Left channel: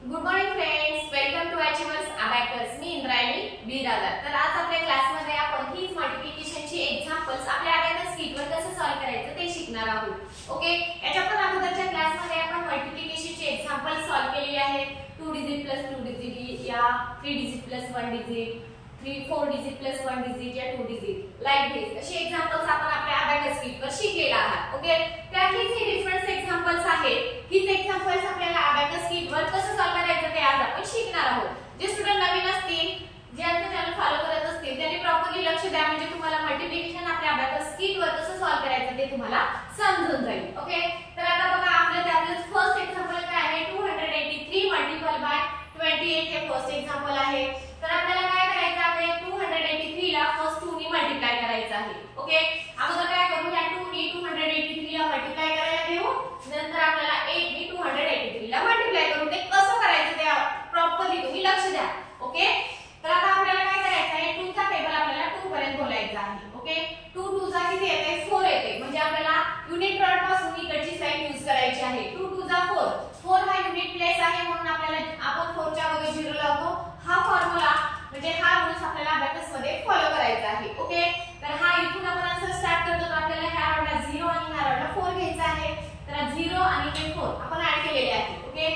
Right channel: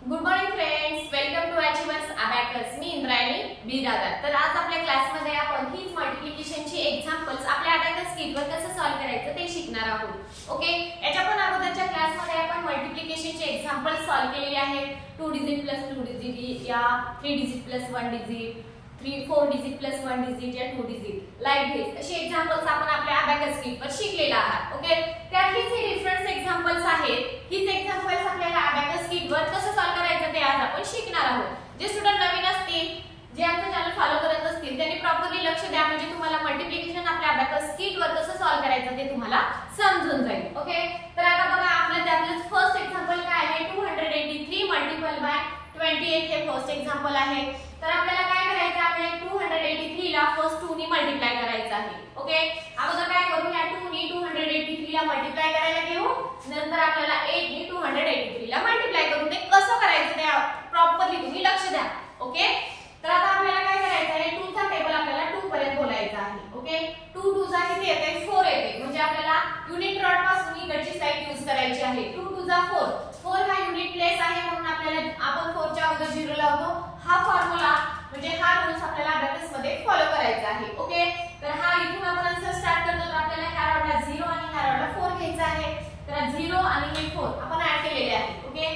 Good morning friends, welcome to achievers abacus. मी इंद्रायणी बिरादर. तर आज आपल्या क्लासमध्ये आपण हीच मल्टिप्लिकेशनची एक्झाम्पल्स आपल्या अबॅकस शीटवर कसं सॉल्व्ह करायचं ते शिकणार आहोत. ओके, याच्या पण अगोदरच्या क्लासमध्ये आपण मल्टिप्लिकेशनचे एक्झाम्पल्स सॉल्व्ह केलेले आहेत. 2 डिजिट प्लस 2 डिजिट या 3 digit plus 1 digit, 4 digit plus 1 digit या 2 डिजिट, लाईक दिस असे एक्झाम्पल्स आपण आपल्या अबॅकस शीटवर शिकलेला आहात. ओके, त्यातलीच हे डिफरन्स एक्झाम्पल्स आहेत. हीच एक्झाम्पल्स आपल्याला अबॅकस शीटवर कसं सॉल्व्ह करायचं ते आज आपण शिकणार आहोत. जे स्टुडंट नवीन असतील, जे आमचं चॅनल फॉलो करत असतील, त्यांनी प्रॉपरली लक्ष द्या, म्हणजे तुम्हाला मल्टिप्लिकेशन आपल्या अबॅकस शीटवर कसं सॉल्व्ह करायचं ते तुम्हाला समजून जाईल. ओके, तर आता बघा आपलं त्यातलं फर्स्ट एक्झाम्पल काय आहे. 283 मल्टिपल बाय 28 हे फर्स्ट एक्झाम्पल आहे. तर आपल्याला काय करायचं आहे, 283 ला फर्स्ट 2 नी मल्टिप्लाय करायचं आहे. ओके, अगोदर काय करू, या 2 नी 283 ला मल्टिप्लाय करायला घेऊ, नंतर आपल्याला 8 नी 283 ला मल्टिप्लाय करू. ते कसं करायचं ते प्रॉपरली तुम्ही लक्ष द्या. ओके, तर आता आपल्याला काय करायचं आहे, 2 चा टेबल आपल्याला 2 पर्यंत बोलायचा आहे. ओके, 2 2 चा किती येते, 4 येते, म्हणजे आपल्याला युनिट रॉड पासून इकडची साइड यूज करायची आहे. 2 2 चा 4, 4 हा युनिट प्लेस आहे, म्हणून आपल्याला आपण 4 च्या अगोदर 0 लावतो. हा फॉर्म्युला म्हणजे हा रूल्स आपल्याला अबॅकस मध्ये फॉलो करायचा आहे. ओके, तर हा इथून आपण आन्सर स्टार्ट करतो. तर आपल्याला ह्या रॉडला 0 आणि ह्या रॉडला 4 घ्यायचा आहे. तर 0 आणि हे 4 आपण ऍड केलेले आहे. ओके,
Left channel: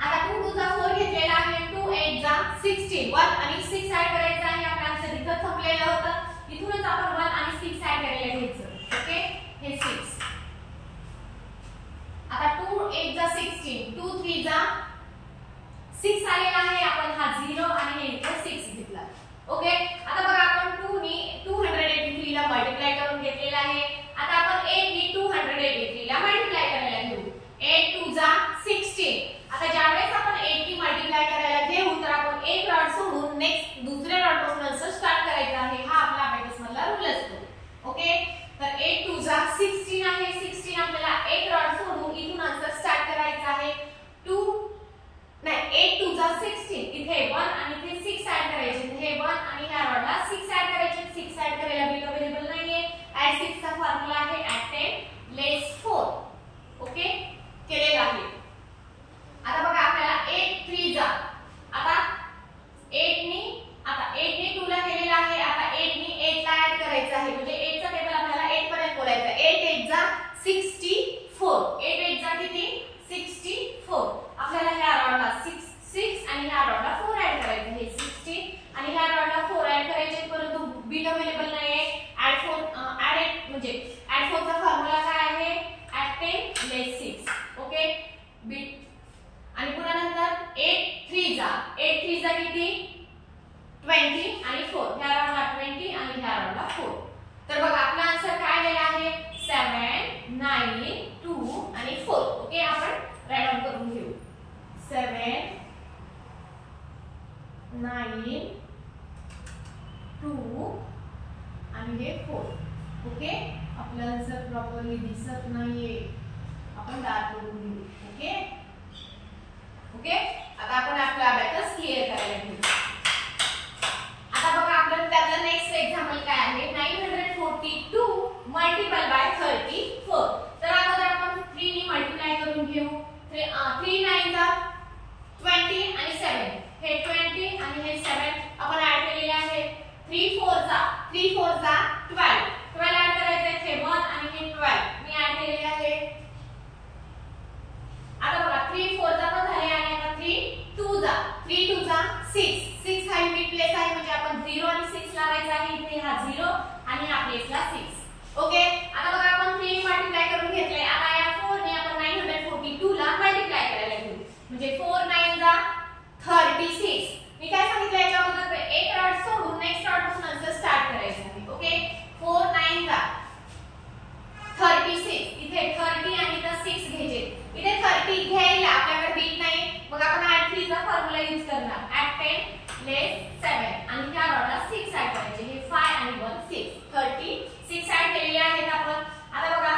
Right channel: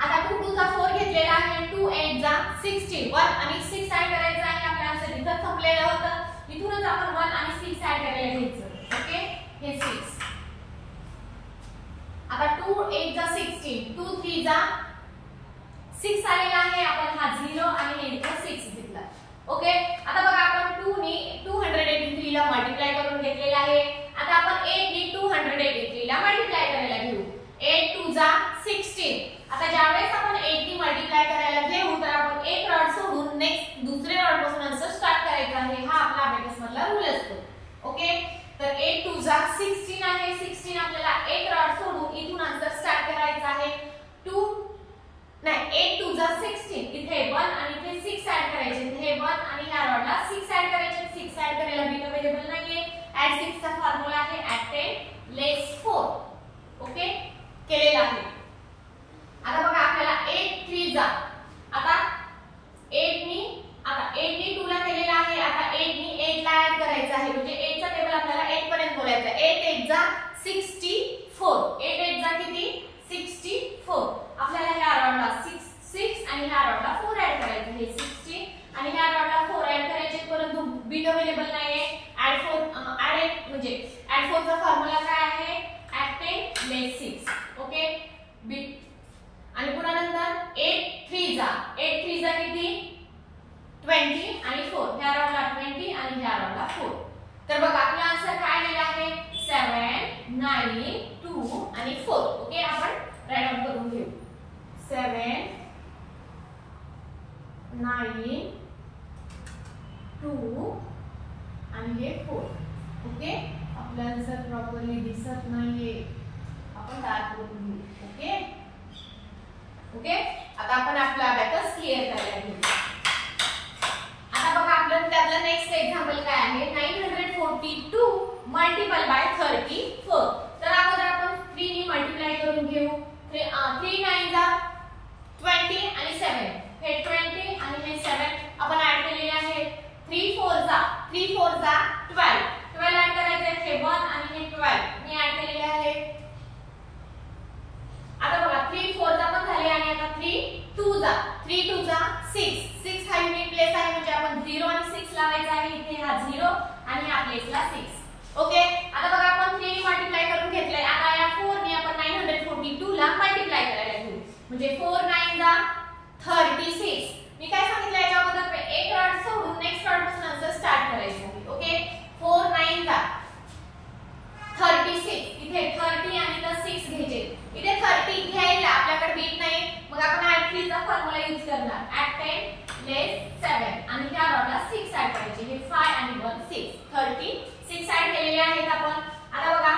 आता 2 2 चा 4 घेतलेला आहे, 2 8 चा 16, 1 आणि 6 ऍड करायचा आहे. आपला आन्सर इथं संपलेलं होतं. इथूनच आपण 1 आणि 6 ऍड करायला घ्यायचं. ओके, हे 6. आता 2 8 चा 16, 2 3 चा 6 आलेला आहे. आपण हा 0 आणि हे इथे 6 घेतला. ओके, आता बघा आपण 2 नी 283 ला मल्टिप्लाय करून घेतलेला आहे. आता आपण 8 नी 283 ला मल्टिप्लाय करायला घेऊ. 8 2 चा 16. आता ज्यावेळेस आपण 8 नी मल्टिप्लाय करायला घेऊ, तर आपण एक रॉड सोडून नेक्स्ट दुसऱ्या रॉड पासून आन्सर स्टार्ट करायचा आहे. हा आपला अबॅकस मधला रूल असतो. ओके, तर 8 2 चा 16 आहे. 16 आपल्याला एक रॉड सोडून इथून आन्सर स्टार्ट करायचा आहे. 8 2 चा 16, इथे 1 आणि इथे 6 ऍड करायचे. हे 1 आणि ह्या रॉडला 6 ऍड करायचे. 6 ऍड करायला बिट अवेलेबल नाहीये. ऍड 6 चा फॉर्म्युला आहे ऍड 10 लेस 4. ओके, केलेला आहे. आता बघा आपल्याला 8 3 चा, आता 8 नी 2 ला केलेला आहे. आता 8 नी 8 ला ऍड करायचं आहे, म्हणजे 8 चा टेबल आपल्याला 8 पर्यंत बोलायचं आहे. 8 8 चा 64, 8 8 चा किती 64. आपल्याला ह्या रॉडला 6 आणि ह्या रॉडला 4 ऍड करायचं. हे 60 आणि ह्या रॉडला 4 ऍड करायचे, परंतु बीट अवेलेबल नाहीये. ऍड 8 म्हणजे ऍड 4 चा फॉर्म्युला काय आहे, ऍड 10 लेस 6. ओके, बीट आणि पुन्हा नंतर 8 3 चा किती 20 आणि 4. ह्या रॉडला 20 आणि ह्या रॉडला 4. तर बघा आपला आन्सर काय आलेला आहे, 7 9 2 आणि 4. ओके, आपण राईट डाउन करून घेऊ. 7 9 2 आणि हे 4. ओके, आपला आन्सर प्रॉपरली दिसत नाहीये, आपण डार्क करून घेऊ. ओके ओके, आता आपण आपला अबॅकस क्लिअर करायला घेऊ. आता बघा आपलं त्यातलं नेक्स्ट एक्झाम्पल काय आहे, 942 मल्टिपल बाय 34. तर अगोदर आपण 3 नी मल्टिप्लाय करून घेऊ. 3 9 चा 20 आणि 7, हे 20 आणि हे 7 आपण ऍड केलेले आहे. 3 4 चा 12, 12 ऍड करायचे आहे. हे 1 आणि हे 12 मी ऍड केलेले आहे. आता बघा 3 4 चा पण झाले आणि आता 3 2 चा 6 हा युनिट प्लेस आहे, म्हणजे आपण 0 आणि 6 लावायचा आहे. इथे हा 0 आणि ह्या प्लेसला 6. ओके, आता बघा आपण 3 नी मल्टिप्लाय करून घेतलंय. आता या 4 नी आपण 942 ला मल्टिप्लाय करायला घेऊ, म्हणजे 4 9 चा 36. मी काय सांगितलं याच्या अगोदर, एक रॉड सोडून नेक्स्ट रॉड पासून आन्सर स्टार्ट करायचं आहे. ओके, 4 9 चा 36, इथे 30 आणि इथे 6 घ्यायचे. इथे 30 घ्यायला आपल्याकडे बीट नाही, मग आपण ऍड 3 चा फॉर्म्युला यूज करणार. ऍड 10 लेस 7 आणि त्या रॉडला 6 ऍड करायचे. हे 5 आणि 1 6, 36 ऍड केलेले आहेत आपण. आता बघा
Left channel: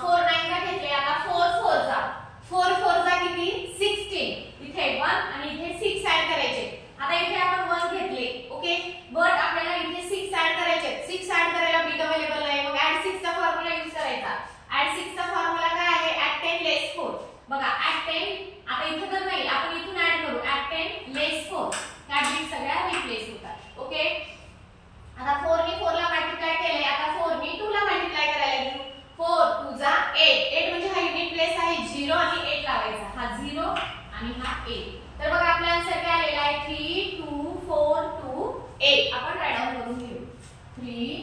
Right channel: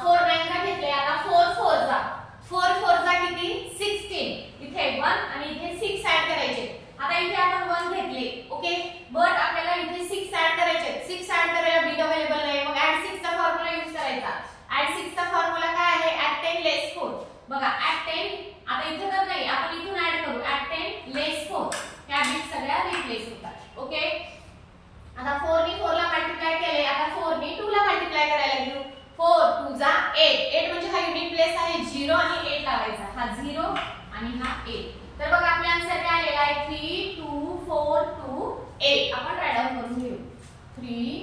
4 9 चा घेतले. आता 4 4 चा किती 16, इथे 1 आणि इथे 6 ऍड करायचे. आता इथे आपण 1 घेतले. ओके, बट आपल्याला इथे 6 ऍड करायचे. 6 ऍड करायला बीट अवेलेबल नाही, मग ऍड 6 चा फॉर्म्युला यूज करायचा. ऍड 6 चा फॉर्म्युला काय आहे, ऍड 10 लेस 4. बघा ऍड 10 आता इथे तर नाही, आपण इथून ऍड करू. ऍट 10 लेस 4 ह्या बिट सगळ्या रिप्लेस होतात. ओके, आता 4 ने 4 ला मल्टिप्लाय केले, आता 4 ने 2 ला मल्टिप्लाय करायला घेऊ. 4 2 जा 8. 8 म्हणजे हा युनिट प्लेस आहे 0 आणि 8 लावायचा. हा 0 आणि हा 8. तर बघा आपला आन्सर काय आलेला आहे 3 2 4 2 8. आपण राईट डाउन करून घेऊ. 3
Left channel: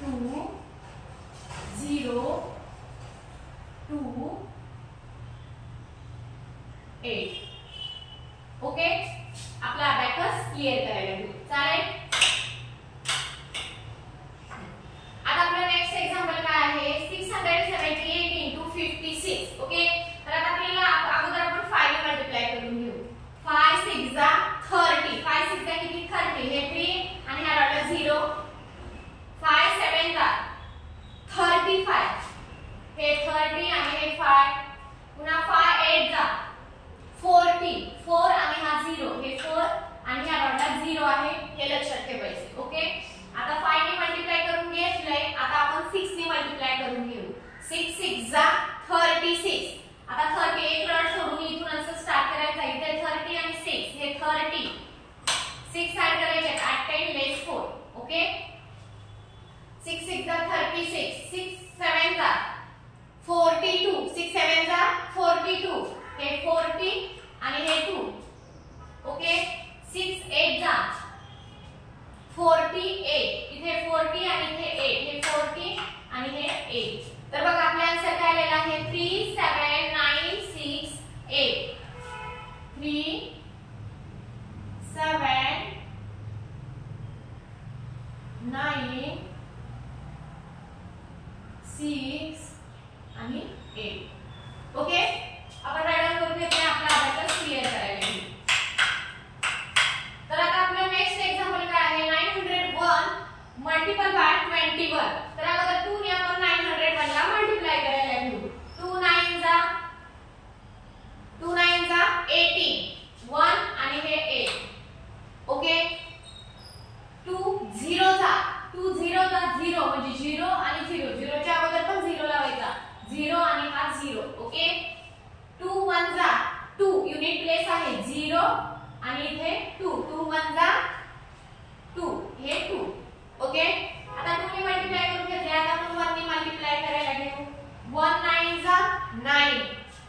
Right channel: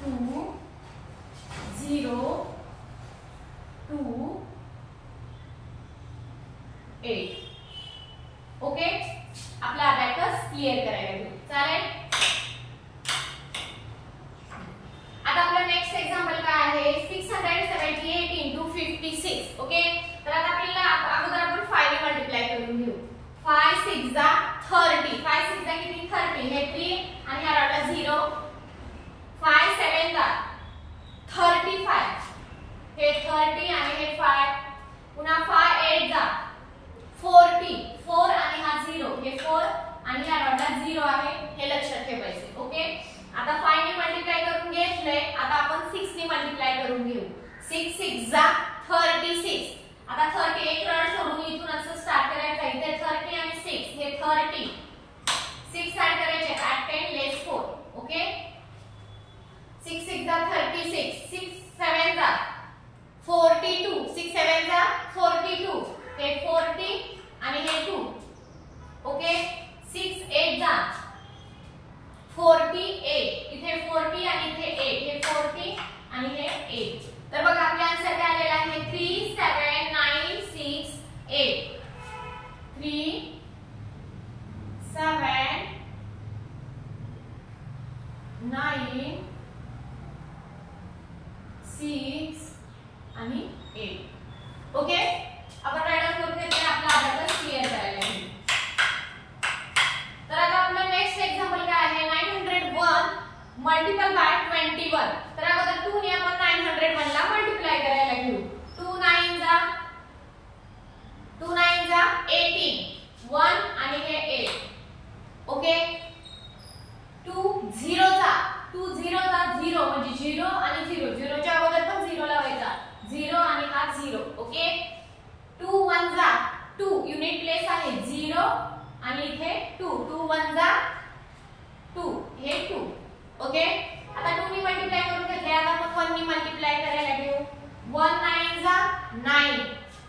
2 0 2 8. ओके, आपला अबॅकस क्लिअर करायला घेऊ. चालेल. आता आपला नेक्स्ट एक्झाम्पल काय आहे 678 into 56. ओके, तर आता आपल्याला अगोदर आपण 5 मल्टिप्लाय करून घेऊ. 5 6 जा 30. 5 6 जा किती 30. हे 3 आणि ह्या रॉडला 0. 5 7 जा 35. हे 30 आणि हे 5. पुन्हा 5 8 जा 40. 4 आणि हा 0. हे 4 आणि ह्या रॉडला 0 आहे. हे लक्षात ठेवायचे. ओके, आता 5 ने मल्टिप्लाय करून घेतलंय. आता आपण 6 ने मल्टिप्लाय करून घेऊ. 6 6 जा 36. आता 30 एक रॉड सोडून इथून असं स्टार्ट करायचं. इथे 30 आणि 6 हे 30. 6 ऍड करायचे ऍट 10 लेस 4. ओके, 6 6 जा 36. 6 7 जा 42. 6 7 जा 42. हे 40 आणि हे 2. ओके, 6 8 जा 48. इथे 40 आणि इथे 8. हे 40 आणि हे 8. तर बघा आपला आन्सर काय आलेला आहे 3 7 9 6 8. 3 7 9 6 आणि 8. ओके, आपण राईट डाउन करून घेतले. आपला अबॅकस क्लिअर करायला घेऊ. तर आता आपला नेक्स्ट एक्झाम्पल काय आहे 901 मल्टिपल बाय 21. तर अगोदर 2 ने आपण 901 ला मल्टिप्लाय करायला घेऊ. 2 9 जा 18. 1 आणि हे 8. ओके, 2 0 जा 0 म्हणजे 0 आणि 0. 0 च्या अगोदर पण 0 लावायचा. 0 आणि हा 0. ओके, 2 1 जा 2. युनिट प्लेस आहे 0 आणि इथे 2. 2 1 जा 2. हे 2. ओके, आता 2 ने मल्टिप्लाय करून घेतले. आता आपण 1 ने मल्टिप्लाय करायला घेऊ. 1 9 जा 9.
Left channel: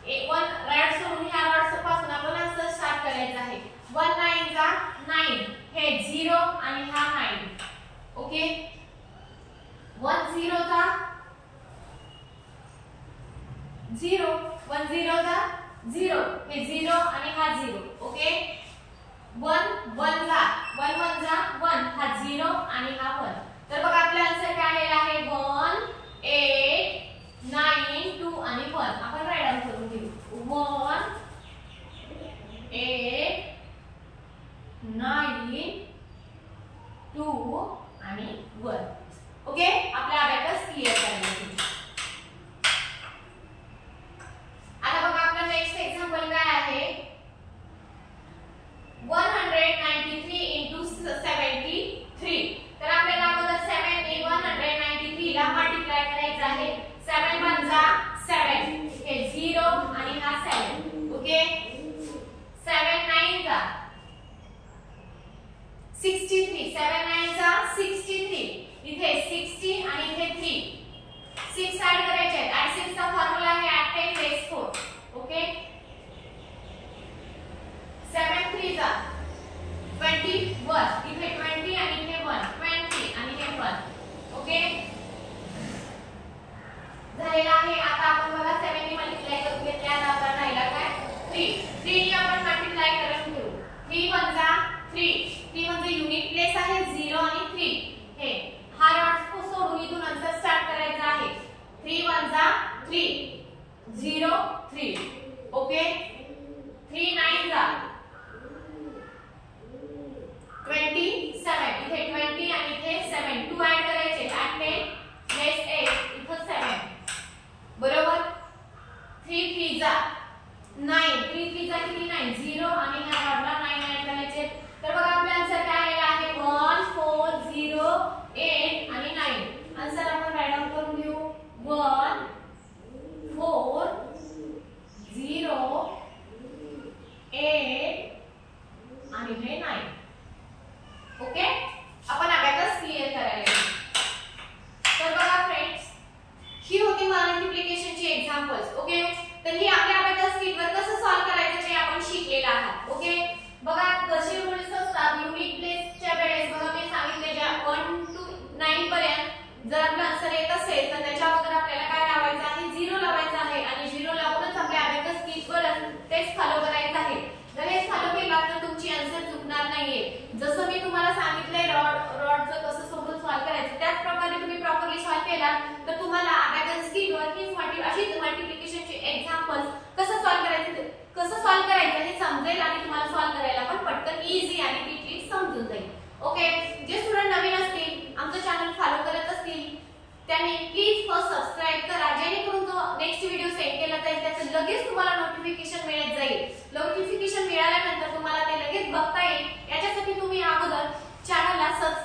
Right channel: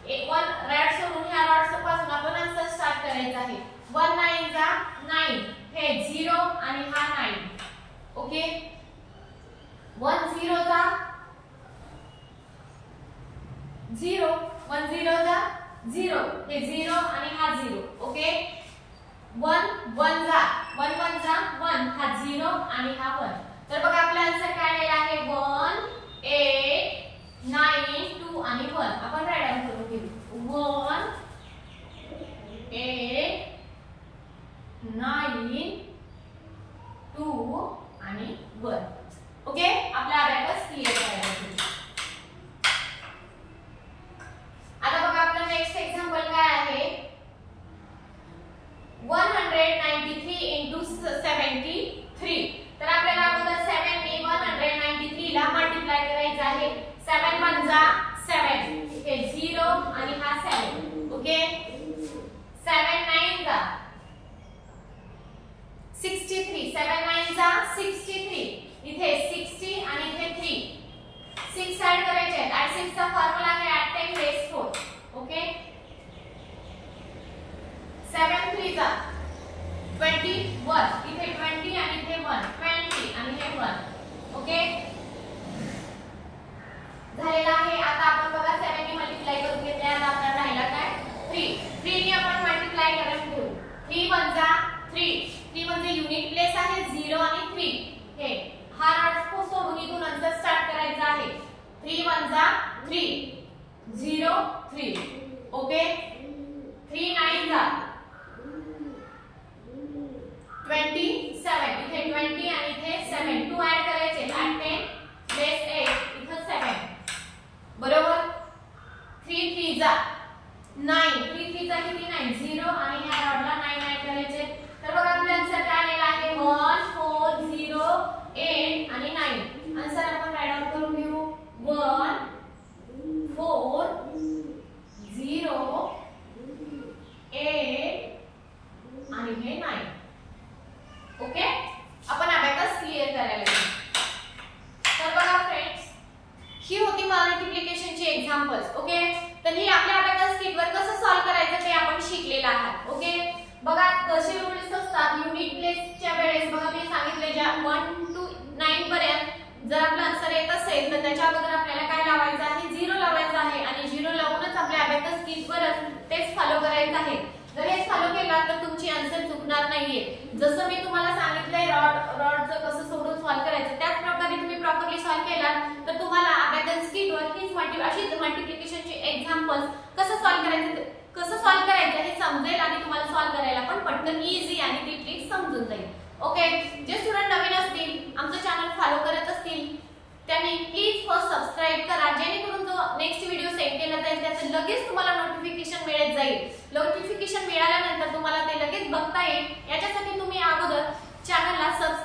1 रॉड सोडून ह्या रॉड पासून आपण असं स्टार्ट करायचं आहे. 1 9 जा 9. हे 0 आणि हा 9. ओके, 1 0 जा 0. 1 0 जा 0. हे 0 आणि हा 0. ओके, 1 1 जा 1 1 जा 1. हा 0 आणि हा 1. तर बघा आपला आन्सर काय आलेला आहे 1 8 9 2 आणि 1. आपण राईट डाउन करून घेऊ. 1 8 9 2 आणि 1. ओके, आपला अबॅकस क्लिअर करायला घेऊ. आता बघा आपला नेक्स्ट एक्झाम्पल काय आहे 193 into 73. तर आपल्याला अगोदर 7 ने 193 ला मल्टिप्लाय करायचं आहे. 7 1 जा 7. हे 0 आणि हा 7. ओके, 7 9 जा 63. 7 9 जा 63. इथे 60 आणि इथे 3. 6 ऍड करायचे आहेत. ऍड 6 चा फॉर्म्युला आहे ऍट 10 लेस 4. ओके, 7 3 जा 21. इथे 20 आणि इथे 1. 20 आणि हे 1. ओके, झालेला आहे. आता आपण बघा 7 ने मल्टिप्लाय करून घेतले. आता आपला राहिला काय 3. 3 ने आपण मल्टिप्लाय करून घेऊ. 3 1 जा 3. 3 म्हणजे युनिट प्लेस आहे 0 आणि 3. हे हा रॉड सोडून इथून नंतर स्टार्ट करायचं आहे. 3 1 जा 3. 0 3. ओके, 3 9 जा 27. इथे 20 आणि इथे 7. 2 ऍड करायचे ऍट 10 लेस 8. इथे 7. बरोबर, 3 3 जा 9. 3 3 जा किती 9. 0 आणि ह्या रॉडला 9 ऍड करायचे. तर बघा आपला आन्सर काय आलेला आहे 1 4 0 8 आणि 9. आन्सर आपण राईट डाउन करून घेऊ. 1 4 0 ही आपल्या अबॅकस किटवर कसं सॉल्व्ह करायचं ते आपण शिकलेलं आहात. ओके, बघा कसे रूल्स असतात. युनिट प्लेसच्या वेळेस बघा मी सांगितले ज्या 1 to 9 पर्यंत जर आपला आन्सर येत असेल तर त्याच्या अगोदर आपल्याला काय लावायचं आहे, 0 लावायचं आहे आणि 0 लावूनच आपल्या अबॅकस किटवरच तेच फॉलो करायचं आहे. जर हे फॉलो केलात तर तुमची आन्सर चुकणार नाहीये. जसं मी तुम्हाला सांगितलंय रॉडचं कसं सोडून सॉल्व्ह करायचं त्याच प्रकारे तुम्ही प्रॉपरली सॉल्व्ह केलात तर तुम्हाला अबॅकस किटवर हीच अशीच मल्टिप्लिकेशनचे एक्झाम्पल्स कसं सॉल्व्ह करायचं हे समजेल आणि तुम्हाला सॉल्व्ह करायला पण पटकन इझी आणि ती ट्रिक समजून जाईल. ओके, जे स्टुडंट नवीन असतील आमचं चॅनल फॉलो करत असतील त्यांनी प्लीज फर्स्ट सबस्क्राइब करा, जेणेकरून जो नेक्स्ट व्हिडिओ सेंड केला जाईल त्याचं लगेच तुम्हाला नोटिफिकेशन मिळत जाईल. नोटिफिकेशन मिळाल्यानंतर तुम्हाला ते लगेच बघता येईल. याच्यासाठी तुम्ही अगोदर चॅनलला सबस्क्राइब